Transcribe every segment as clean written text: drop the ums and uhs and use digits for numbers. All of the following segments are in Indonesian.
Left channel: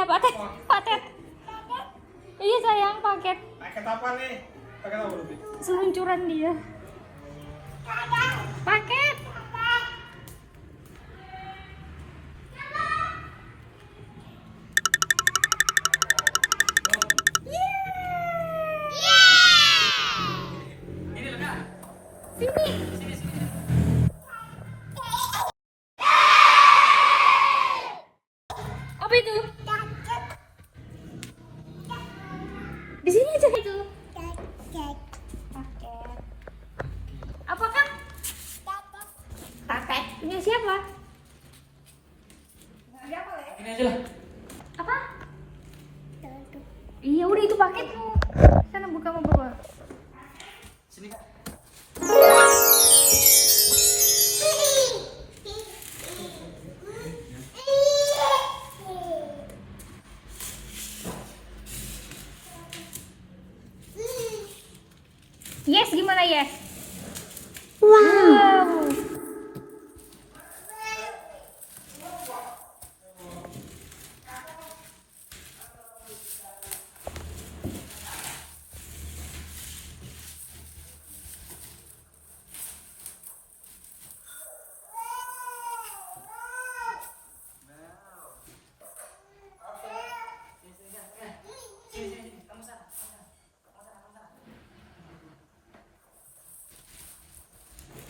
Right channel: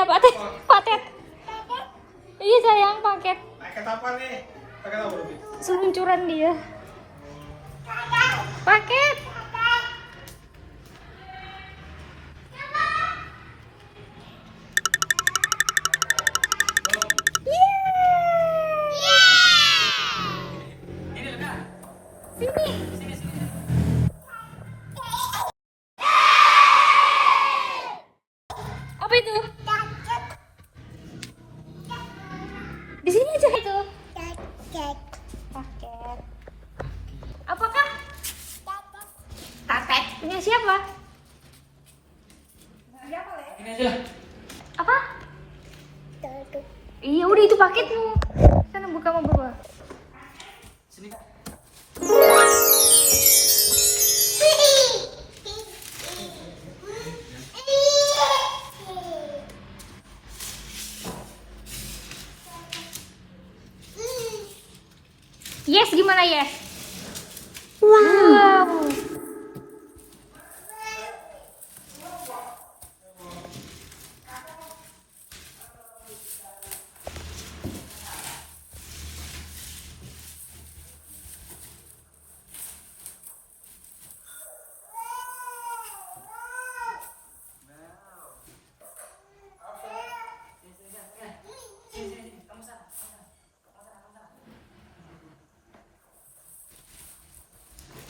Iya, paket. Iya sayang, paket. Paket apa nih? Paket apa nih? Seluncuran dia. Paket. Ini Kak. Sini. Sini. Apa itu? Di sini aja itu. Paket. Apakah? Paket. Punya siapa? Ini aja lah. Apa? Iya udah itu paketmu. Sana buka mau buka. Sini Kak. Yes, gimana yes? Wow.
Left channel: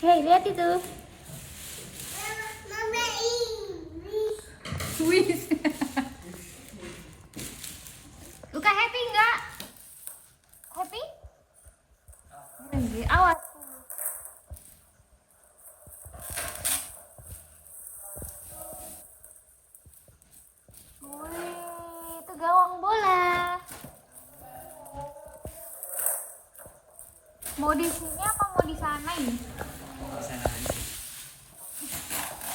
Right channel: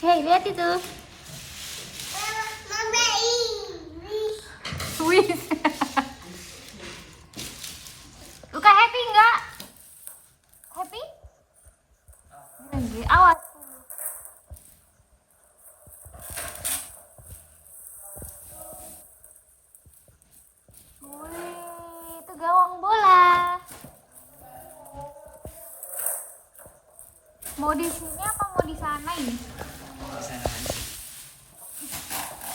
Hei, lihat itu. Wih. Luka happy enggak? Happy? Awas. Wih, itu gawang bola. Mau di sini apa mau di sana ini?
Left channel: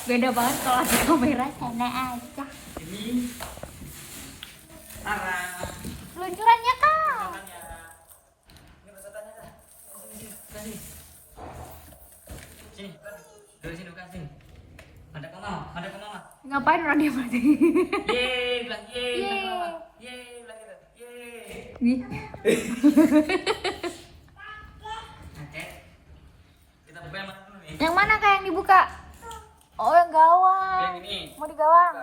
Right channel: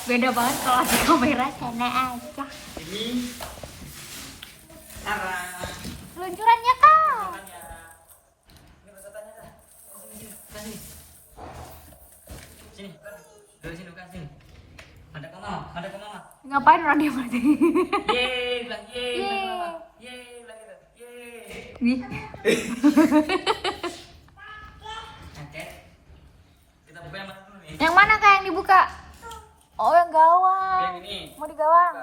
Beda banget kalau di kamera, sana aja. Ini arah. Peluncurannya Kak. Ini pesertanya Kak. Sini. Sini. Dari sini Kak, sini. Ada ke mama. Ngapain orang dia berarti? Yeay, bilang yeay, bilang ke mama. Yeay, bilang gitu. Yeay. Nih. Oke. Kita buka yang mana dulu nih? Yang mana Kak yang dibuka? Oh, yang gawang. Yang ini. Mau di gawang.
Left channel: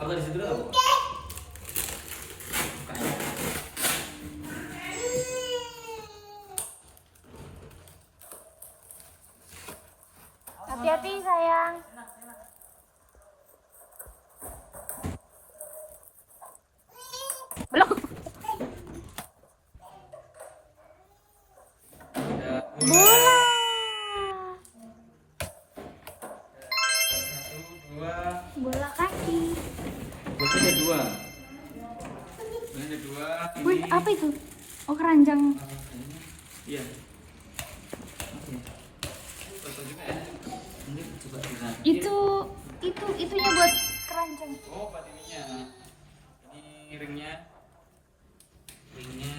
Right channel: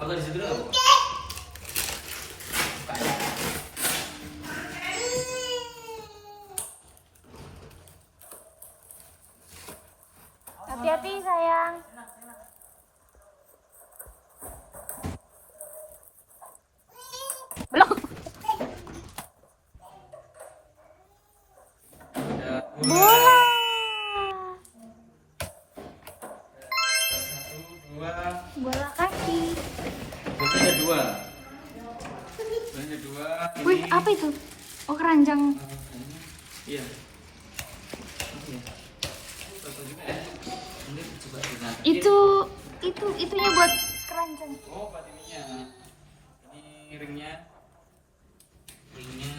Aku di situ dulu. Hati-hati sayang. Belum. Bola. Satu, dua. Bola kaki. Bukanya dua. Bukanya dua. Wih, apa itu? Oh, keranjang. Iya. Itunya buat keranjang. Oh, patinya. Ini ringnya. Ringnya.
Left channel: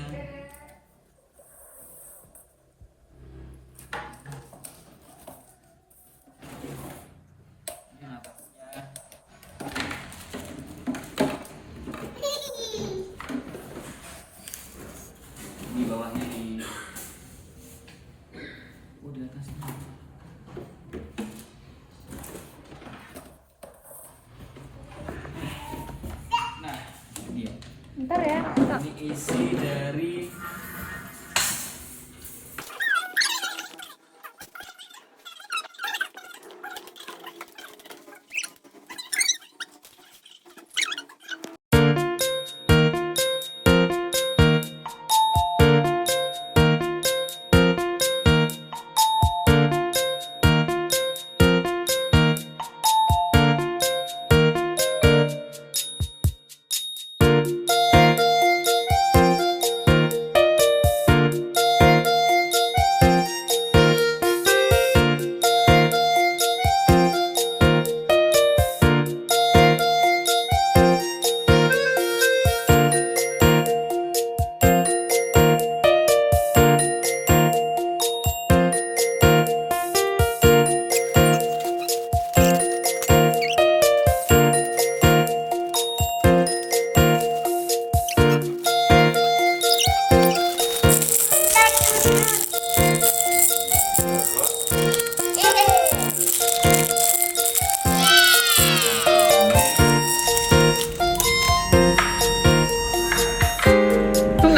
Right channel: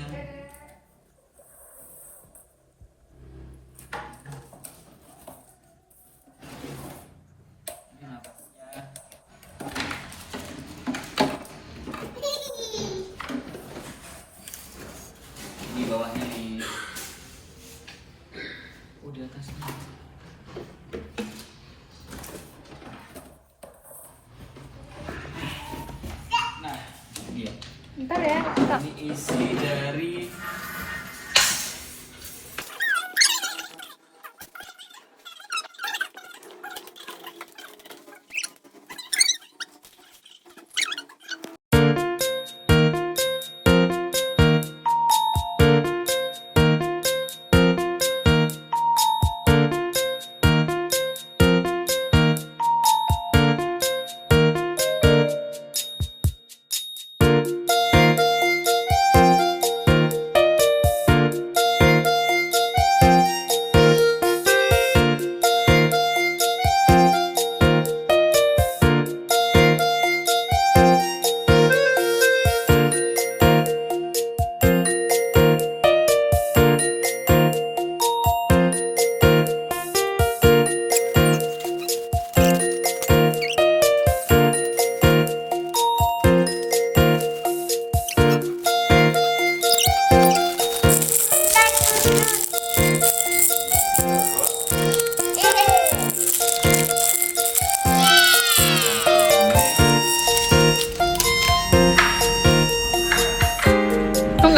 Ini napasnya. Ini bawahnya nih. Di atasnya. Nah, dia. Bentar.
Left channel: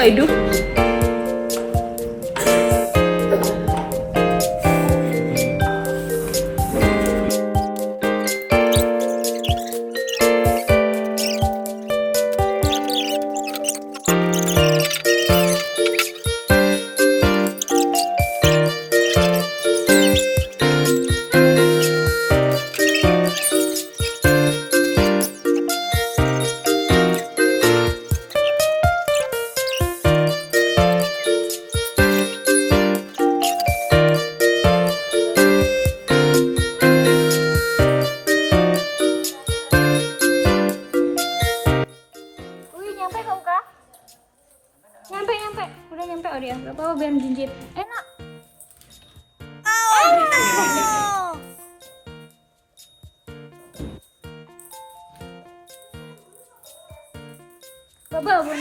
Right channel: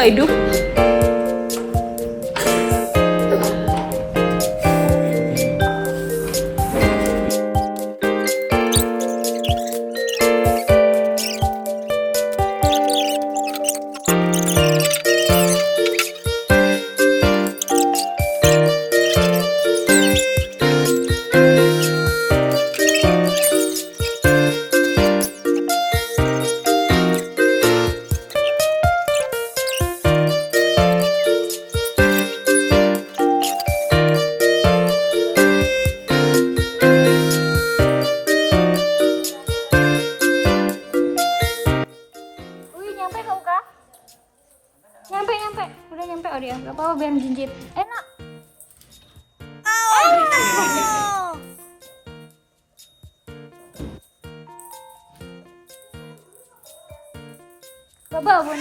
hidup. Nyampe, udah nyampe. Oh dia, gak apa-apa biar jinjit. Enak. Baba, Bun.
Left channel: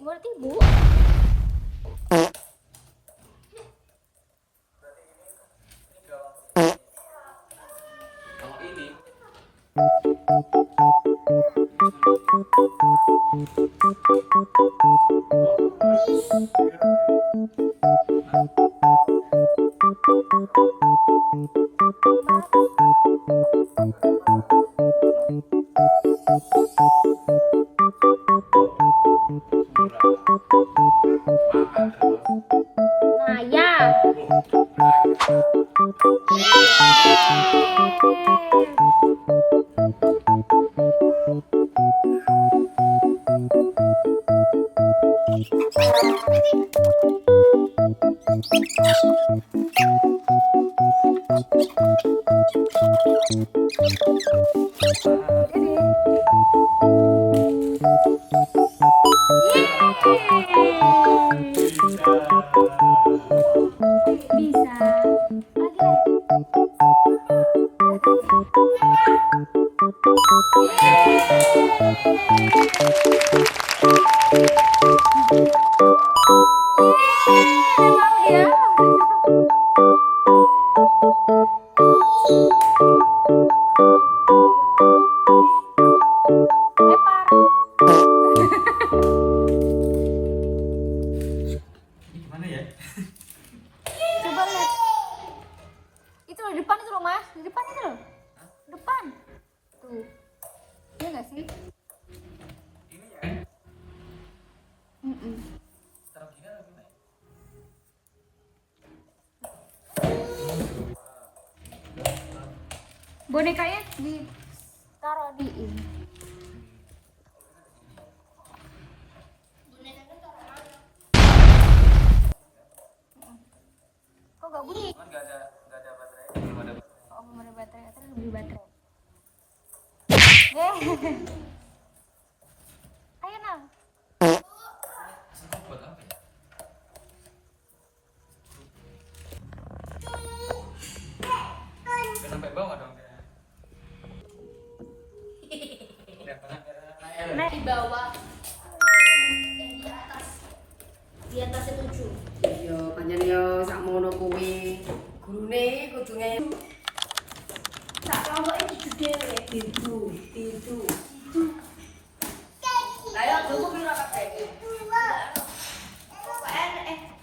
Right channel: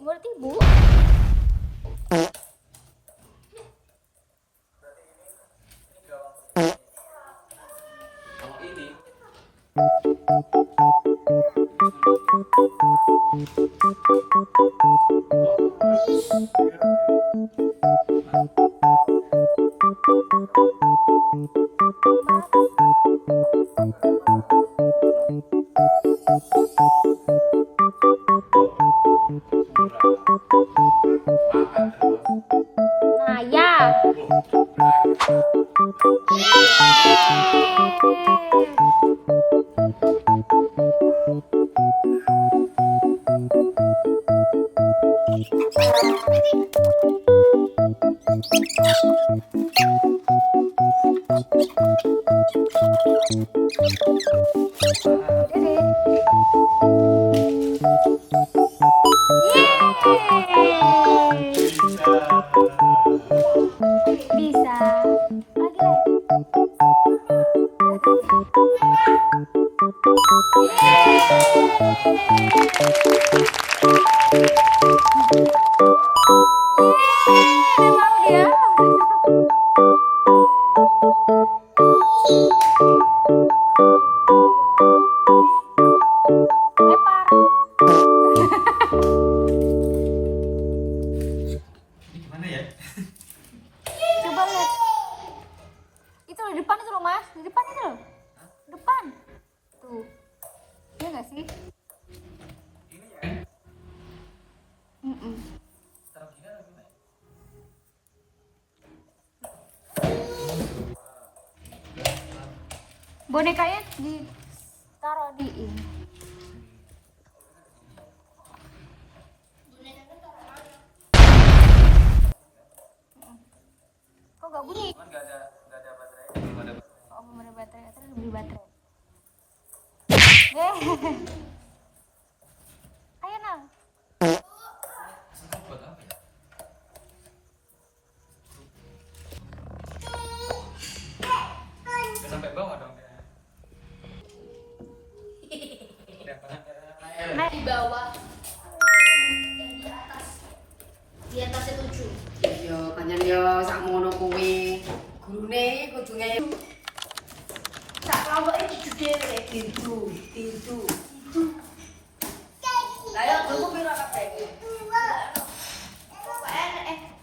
Berarti ibu. Kalau ini Nah, ya. gimana ya? Coba lihat. Itu di depan itu loh, Mas. Di depan itu loh. Depan. Tuh. Iya nggak sih? Ini ya? Mm-mm. Taruh gini atau gimana? Bonekanya ditaruh di ini. Kok gak bunyi? Cuman nggak ada baterainya, belum ada. Oh, belum ada baterai. Atau beli baterai. Ayo, Nang. Sempat buat apa ya? Udah sampai bawah dong. Naik. Di atasnya 7. Iya, panjang yo sakmono kuwi. Gurune kudune Tak kelompok ini gede. itu. Lah yo tuku piro kabeh iki?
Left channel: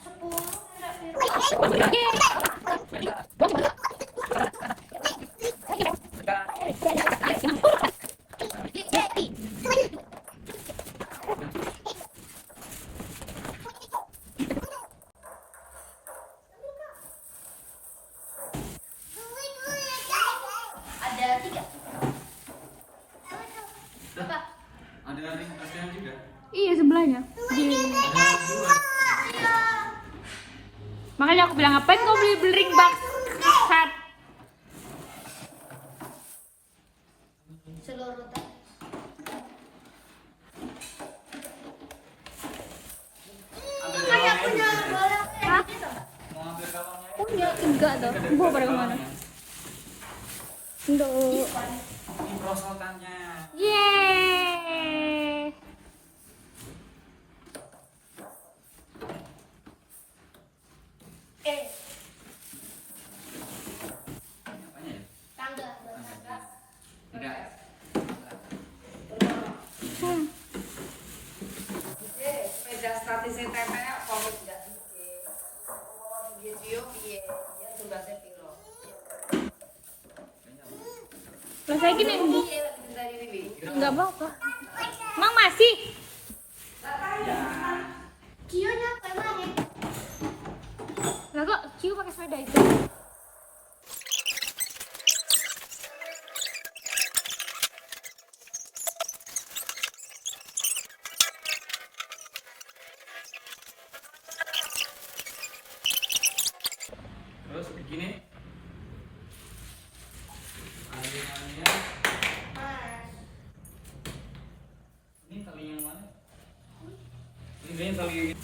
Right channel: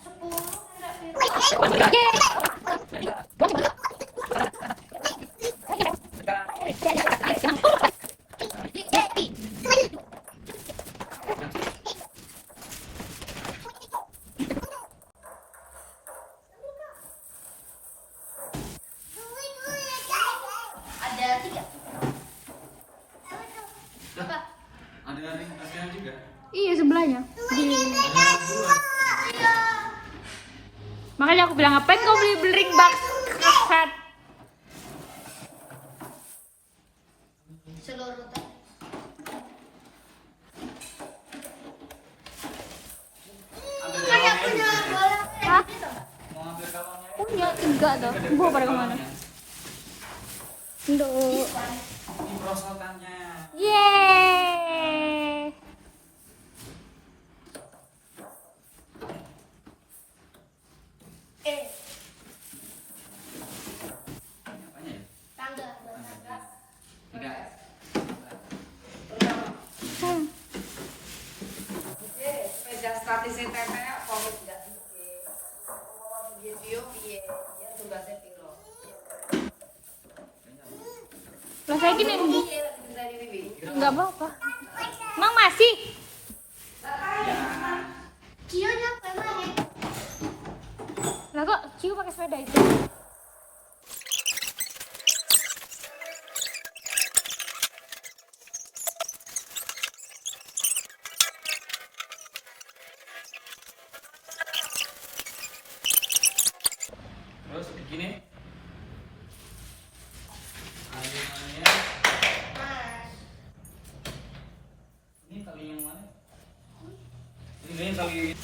10 enggak ada 3. Apa? Ada ring ASEAN juga. Iya, sebelahnya. Makanya aku bilang ngapain kau beli ring box hat? Seluruh tadi. Ambil Kayak kalungnya punya juga. bola. Hah? Mau ambil kalungnya. Punya 3 tuh. Bawa pada kemana? Duh. Ini prosotannya. Yeay. Apanya ya? Tangga. Enggak. sing tetek apa wis tidak piye. Piye piye ya tugasnya piro. Lah saya gini Piye lagi tadi Bibi? enggak apa-apa. Mang masih. Cio nyampe mana? Lah kok Ciu pakai sepeda itu? Terus begini. Ini tali yang mana? Ini tali